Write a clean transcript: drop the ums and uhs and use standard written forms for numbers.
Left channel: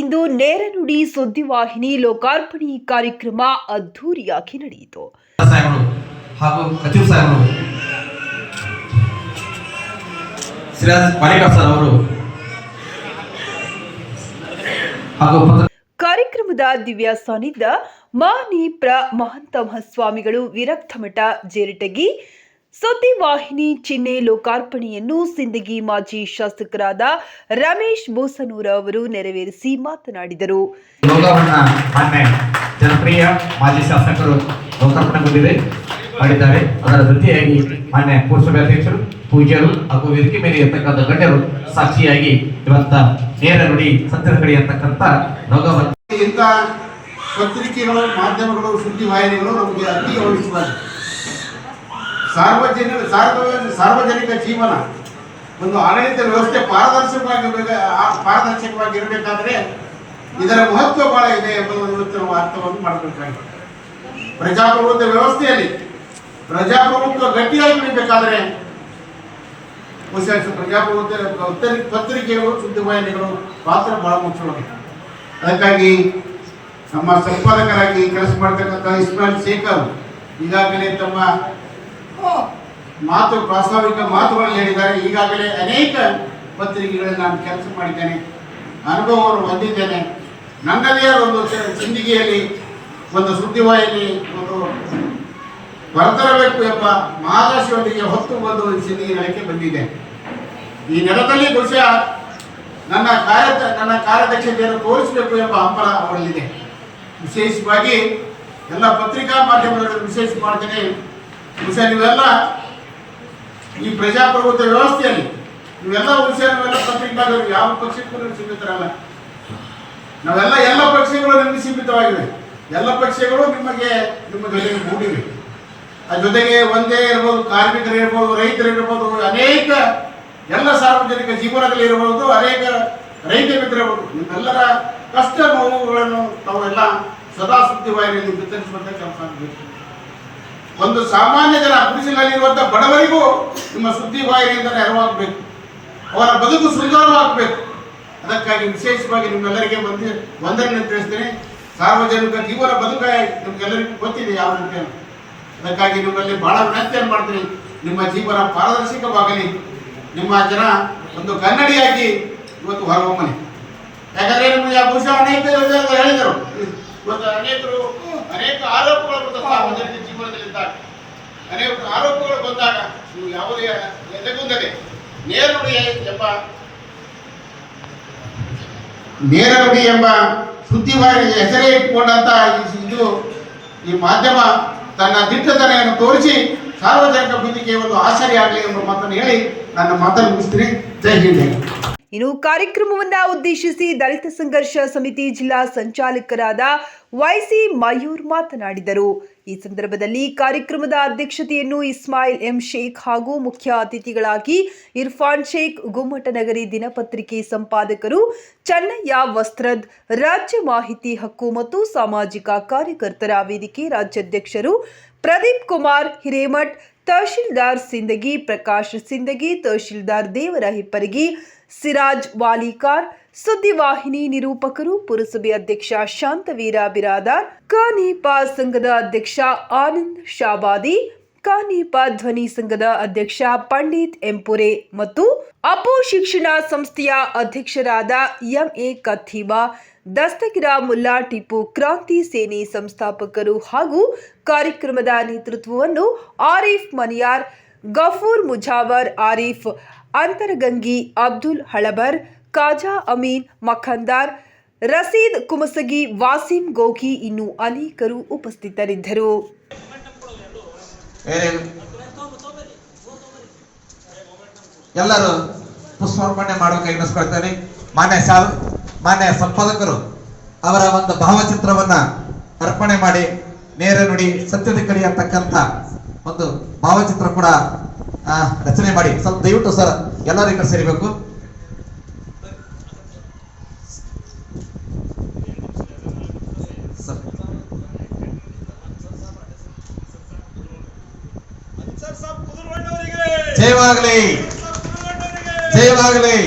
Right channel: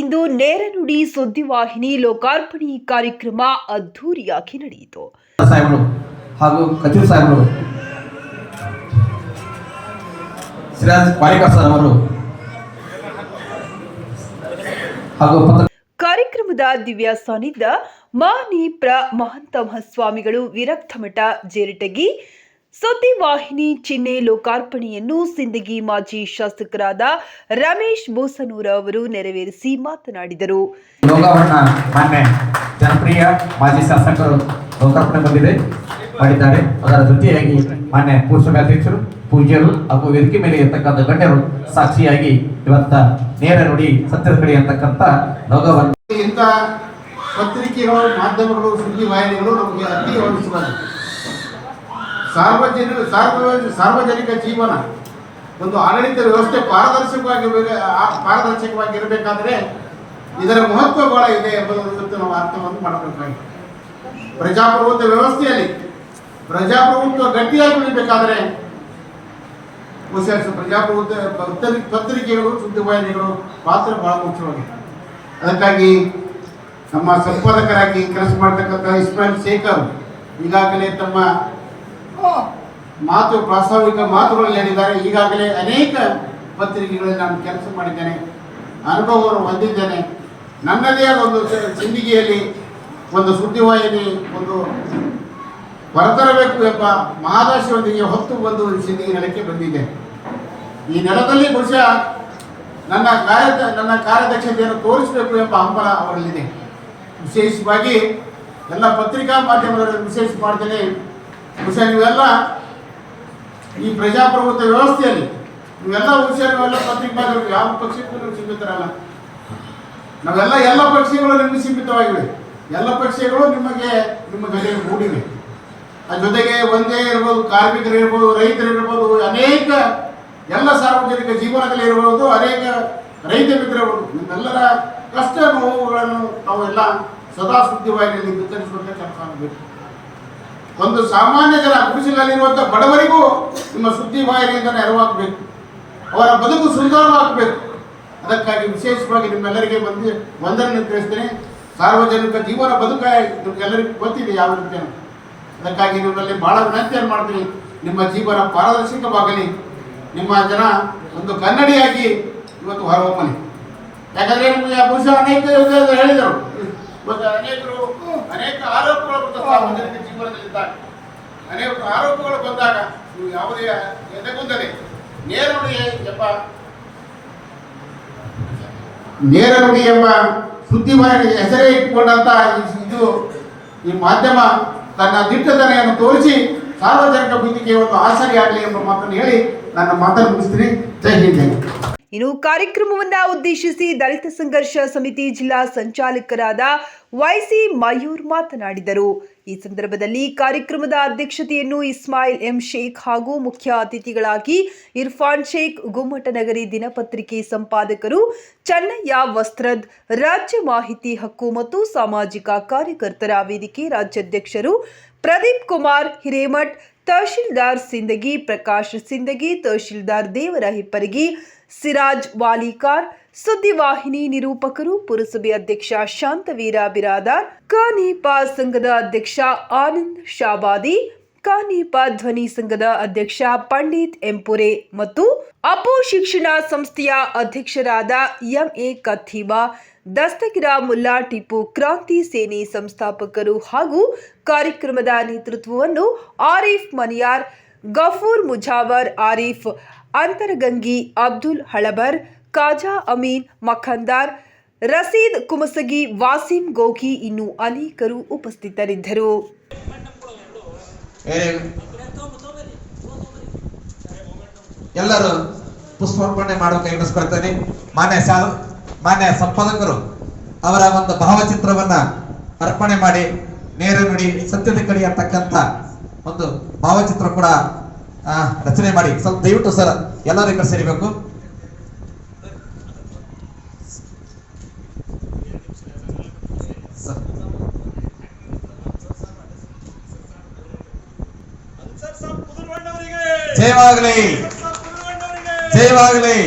ಇಂದು ನೇರ ನುಡಿ ಸುದ್ದಿವಾಹಿನಿ ಲೋಕಾರ್ಪಣೆ ಕಾರ್ಯಕ್ರಮ ಅದ್ದೂರಿಯಾಗಿ ನಡೆಯಿತು. ಹಾಗೂ ಕಚೂರ್ ಸಾಹೇಬರು ಸಿರಾಜ್ ಪಾರಿಕರ್ ಸರ್ ಅವರು ಹಾಗೂ ಕಾರ್ಯಕ್ರಮದ ದಿವ್ಯ ಸಾನ್ನಿಧ್ಯ ಮಾನಿ ಮಹಂತ ಮಹಾಸ್ವಾಮಿಗಳು ವಿರಕ್ತಮಠ ಜೇರಟಗಿ ಸುದ್ದಿವಾಹಿನಿ ಚಿಹ್ನೆ ಲೋಕಾರ್ಪಣೆಯನ್ನು ಸಿಂದಗಿ ಮಾಜಿ ಶಾಸಕರಾದ ರಮೇಶ್ ಬೋಸನೂರ ಅವರು ನೆರವೇರಿಸಿ ಮಾತನಾಡಿದರು. ಜನಪ್ರಿಯ ಮಾಜಿ ಶಾಸಕರು ಲೋಕಾರ್ಪಣೆ ಮಾಡಿದ್ದಾರೆ. ಅದರ ಜೊತೆಯಾಗಿ ಮಾನ್ಯ ಪುರಸಭಾಧ್ಯಕ್ಷರು, ಪೂಜ್ಯರು ಹಾಗೂ ವೇದಿಕೆ ಮೇಲೆ ಇರತಕ್ಕಂಥ ಗಣ್ಯರು ಸಾಕ್ಷಿಯಾಗಿ ಇವತ್ತ ನೇರ ನುಡಿ ಸತ್ಯದ ಕಡೆ ಅಂತಕ್ಕಂಥ ಲೋಗವನ್ನು ಇಂಥ ಪತ್ರಿಕೆಗಳು, ಮಾಧ್ಯಮಗಳು, ಸುದ್ದಿವಾಹಿನಿಗಳು ನಮಗೆ ಅತಿ ಅವಶ್ಯಕವಾಗಿದೆ. ಸಾರ್ವಜನಿಕ ಜೀವನ ಒಂದು ಆಡಳಿತ ವ್ಯವಸ್ಥೆ ಪಾರದರ್ಶಕವಾಗಿರಬೇಕಾದ್ರೆ ಇದರ ಮಹತ್ವ ಬಹಳ ಇದೆ ಎಂಬುದು ಇವತ್ತು ನಾವು ಅರ್ಥವನ್ನು ಮಾಡಬೇಕಾಗಿದೆ. ಪ್ರಜಾಪ್ರಭುತ್ವ ವ್ಯವಸ್ಥೆಯಲ್ಲಿ ಪ್ರಜಾಪ್ರಭುತ್ವ ಗಟ್ಟಿಯಾಗಿ ಉಳಿಬೇಕಾದ್ರೆ ಪ್ರಜಾಪ್ರಭುತ್ವ ಪತ್ರಿಕೆಗಳು, ಸುದ್ದಿವಾಹಿನಿಗಳು ಪಾತ್ರ ಬಹಳ ಮುಖ್ಯವಾಗಿದೆ. ಅದಕ್ಕಾಗಿ ನಮ್ಮ ಸಂಪಾದಕರಾಗಿ ಕೆಲಸ ಮಾಡತಕ್ಕಂಥ ಇಸ್ಮಾಯಿಲ್ ಶೇಖರ್ ಈಗಾಗಲೇ ತಮ್ಮ ಪ್ರಾಸ್ತಾವಿಕ ಮಾತುಗಳನ್ನು ಹೇಳಿದ್ದಾರೆ. ಈಗಾಗಲೇ ಅನೇಕ ಪತ್ರಿಕೆಗಳಲ್ಲಿ ನಾನು ಕೆಲಸ ಮಾಡಿದ್ದೇನೆ, ಅನುಭವವನ್ನು ಹೊಂದಿದ್ದೇನೆ. ನನ್ನದೇ ಆದ ಒಂದು ಸಿಂದಗಿಯಲ್ಲಿ ಒಂದು ಸುದ್ದಿವಾಹಿನಿ ಒಂದು ಹೊರತರಬೇಕು ಎಂಬ ಮಹಾದಾಶಿಯೊಂದಿಗೆ ಹೊತ್ತು ಬಂದು ಸಿಂದಗಿ ನೆಲಕ್ಕೆ ಬಂದಿದೆ. ಈ ನೆಲದಲ್ಲಿ ಬಹುಶಃ ನನ್ನ ಕಾರ್ಯದಕ್ಷತೆಯನ್ನು ತೋರಿಸಬೇಕು ಎಂಬ ಹಂಬಲ ಅವರಲ್ಲಿದೆ. ವಿಶೇಷವಾಗಿ ಎಲ್ಲ ಪತ್ರಿಕಾ ಮಾಧ್ಯಮದಲ್ಲಿ ವಿಶೇಷ ಮಾಡ್ತೇನೆ. ಬಹುಶಃ ನೀವೆಲ್ಲ ಈ ಪ್ರಜಾಪ್ರಭುತ್ವ ವ್ಯವಸ್ಥೆಯಲ್ಲಿ ನೀವೆಲ್ಲ ಪತ್ರಿಕಾಗಳು ಯಾವ ಪಕ್ಷಕ್ಕೂ ಸೀಮಿತರಲ್ಲ. ಎಲ್ಲ ಪಕ್ಷಗಳು ನಿಮಗೆ ಸೀಮಿತವಾಗಿವೆ. ಎಲ್ಲ ಪಕ್ಷಗಳು ನಿಮ್ಮ ಜೊತೆಗೆ ಕೂಡಿವೆ. ಆ ಜೊತೆಗೆ ಒಂದೇ ಇರ್ಬೋದು, ಕಾರ್ಮಿಕರಿರ್ಬೋದು, ರೈತರಿರ್ಬೋದು, ಅನೇಕ ಎಲ್ಲ ಸಾರ್ವಜನಿಕ ಜೀವನಗಳಿರ್ಬೋದು, ಅನೇಕ ರೈತ ಮಿತ್ರರಿರ್ಬೋದು. ನಿಮ್ಮೆಲ್ಲರ ಕಷ್ಟ ನೋವುಗಳನ್ನು ತಾವೆಲ್ಲ ಸದಾ ಸುದ್ದಿವಾಹಿನಿಯಲ್ಲಿ ಬಿತ್ತರಿಸುವಂಥ ಕೆಲಸ ಆಗಬೇಕು. ಒಂದು ಸಾಮಾನ್ಯ ಜನ ಗುಡಿಸಲಲ್ಲಿರುವಂಥ ಬಡವರಿಗೂ ನಿಮ್ಮ ಸುದ್ದಿವಾಹಿನಿಯಿಂದ ನೆರವಾಗಬೇಕು, ಅವರ ಬದುಕು ಸುಂದರವಾಗಬೇಕು. ಅದಕ್ಕಾಗಿ ವಿಶೇಷವಾಗಿ ನಿಮ್ಮೆಲ್ಲರಿಗೆ ವಂದನೆ ತಿಳಿಸ್ತೇನೆ. ಸಾರ್ವಜನಿಕ ಜೀವನ ಬದುಕ ನಿಮ್ಗೆಲ್ಲರಿಗೂ ಗೊತ್ತಿದೆ ಯಾವ ರೀತಿ. ಅದಕ್ಕಾಗಿ ನಿಮ್ಮಲ್ಲಿ ಬಹಳ ವಿನಂತಿಯನ್ನು ಮಾಡ್ತೀನಿ, ನಿಮ್ಮ ಜೀವನ ಪಾರದರ್ಶಕವಾಗಲಿ, ನಿಮ್ಮ ಜನ ಒಂದು ಕನ್ನಡಿಯಾಗಿ ಇವತ್ತು ಹೊರಹೊಮ್ಮಲಿ. ಯಾಕಂದರೆ ನಿಮಗೆ ಬಹುಶಃ ಅನೇಕ ಹೇಳಿದರು, ಇವತ್ತು ಅನೇಕ ಆರೋಪಗಳು ಬಂದ ಸಾರ್ವಜನಿಕ ಜೀವನದಲ್ಲಿದ್ದಾಗ, ಅನೇಕ ಆರೋಪಗಳು ಬಂದಾಗ ನೀವು ಯಾವುದೇ ಎದೆಗುಂದದೆ ನೇರ ನುಡಿ ಎಂಬ ಸುದ್ದಿವಾಹಿನಿ ಹೆಸರೇ ಇಟ್ಟುಕೊಂಡಂತ ಈ ಮಾಧ್ಯಮ ತನ್ನ ದಿಟ್ಟತನೆಯನ್ನು ತೋರಿಸಿ ಸಾರ್ವಜನಿಕ ಬದುಕಿಗೆ ಒಂದು ಆಸರೆ ಆಗಲಿ ಎಂಬ ಮಾತನ್ನು ಹೇಳಿ ನನ್ನ ಮಾತನ್ನು ಮುಗಿಸ್ತೀನಿ. ಜೈ ಹಿಂದ್. ಇನ್ನು ಕಾರ್ಯಕ್ರಮವನ್ನು ಉದ್ದೇಶಿಸಿ ದಲಿತ ಸಂಘರ್ಷ ಸಮಿತಿ ಜಿಲ್ಲಾ ಸಂಚಾಲಕರಾದ ವೈಸಿ ಮಯೂರ್ ಮಾತನಾಡಿದರು. ಈ ಸಂದರ್ಭದಲ್ಲಿ ಕಾರ್ಯಕ್ರಮದ ಅಧ್ಯಕ್ಷತೆಯನ್ನು ಇಸ್ಮಾಯಿಲ್ ಎಂ ಶೇಖ್ ಹಾಗೂ ಮುಖ್ಯ ಅತಿಥಿಗಳಾಗಿ ಇರ್ಫಾನ್ ಶೇಖ್, ಗುಮ್ಮಟನಗರಿ ದಿನಪತ್ರಿಕೆ ಸಂಪಾದಕರು ಚನ್ನಯ್ಯ ವಸ್ತ್ರದ್, ರಾಜ್ಯ ಮಾಹಿತಿ ಹಕ್ಕು ಮತ್ತು ಸಾಮಾಜಿಕ ಕಾರ್ಯಕರ್ತರ ವೇದಿಕೆ ರಾಜ್ಯಾಧ್ಯಕ್ಷರು ಪ್ರದೀಪ್ ಕುಮಾರ್ ಹಿರೇಮಠ್, ತಹಶೀಲ್ದಾರ್ ಸಿಂದಗಿ ಪ್ರಕಾಶ್ ಸಿಂದಗಿ, ತಹಶೀಲ್ದಾರ್ ದೇವರ ಹಿಪ್ಪರಗಿ, ಸಿರಾಜ್ ವಾಲಿಕಾರ್, ಸುದ್ದಿವಾಹಿನಿ ನಿರೂಪಕರು, ಪುರಸಭೆ ಅಧ್ಯಕ್ಷ ಶಾಂತವೀರ ಬಿರಾದಾರ್, ಕಾನೀಪ ಸಂಘದ ಅಧ್ಯಕ್ಷ ಆನಂದ್ ಶಾಬಾದಿ, ಕಾನೀಪ ಧ್ವನಿ ಸಂಘದ ಅಧ್ಯಕ್ಷ ಪಂಡಿತ್ ಎಂಪುರೆ ಮತ್ತು ಅಪೋ ಶಿಕ್ಷಣ ಸಂಸ್ಥೆಯ ಅಧ್ಯಕ್ಷರಾದ ಎಂಎ ಕಥೀಬಾ, ದಸ್ತಗಿರ ಮುಲ್ಲಾ ಟಿಪ್ಪು ಕ್ರಾಂತಿ ಸೇನೆ ಸಂಸ್ಥಾಪಕರು ಹಾಗೂ ಕಾರ್ಯಕ್ರಮದ ನೇತೃತ್ವವನ್ನು ಆರಿಫ್ ಮನಿಯಾರ್, ಗಫೂರ್ ಮುಜಾವರ್, ಆರಿಫ್ ಅಂತರಗಂಗಿ, ಅಬ್ದುಲ್ ಹಳಬರ್, ಕಾಜಾ ಅಮೀನ್ ಮಖಂದಾರ್, ರಸೀದ್ ಕುಮಸಗಿ, ವಾಸಿಂ ಗೋಗಿ ಇನ್ನು ಅನೇಕರು ಉಪಸ್ಥಿತರಿದ್ದರು. ಎಲ್ಲರೂ ಪುಷ್ಪಾರ್ಪಣೆ ಮಾಡೋಕೆ ಎಣಿಸ್ಕೊಳ್ತೇನೆ. ಮಾನ್ಯ ಸಂಪಾದಕರು ಅವರ ಒಂದು ಭಾವಚಿತ್ರವನ್ನ ಅರ್ಪಣೆ ಮಾಡಿ ನೇರ ನುಡಿ ಸತ್ಯದ ಕಡೆ ಅಂತಕ್ಕಂಥ ಒಂದು ಭಾವಚಿತ್ರ ಕೂಡ ರಚನೆ ಮಾಡಿ ಸ್ವಲ್ಪ ದಯವಿಟ್ಟು ಸರ್ ಎಲ್ಲರೂ ಈಗ ಸೇರಿಬೇಕು. ಜಯವಾಗಲಿ, ಜಯವಾಗಲಿ.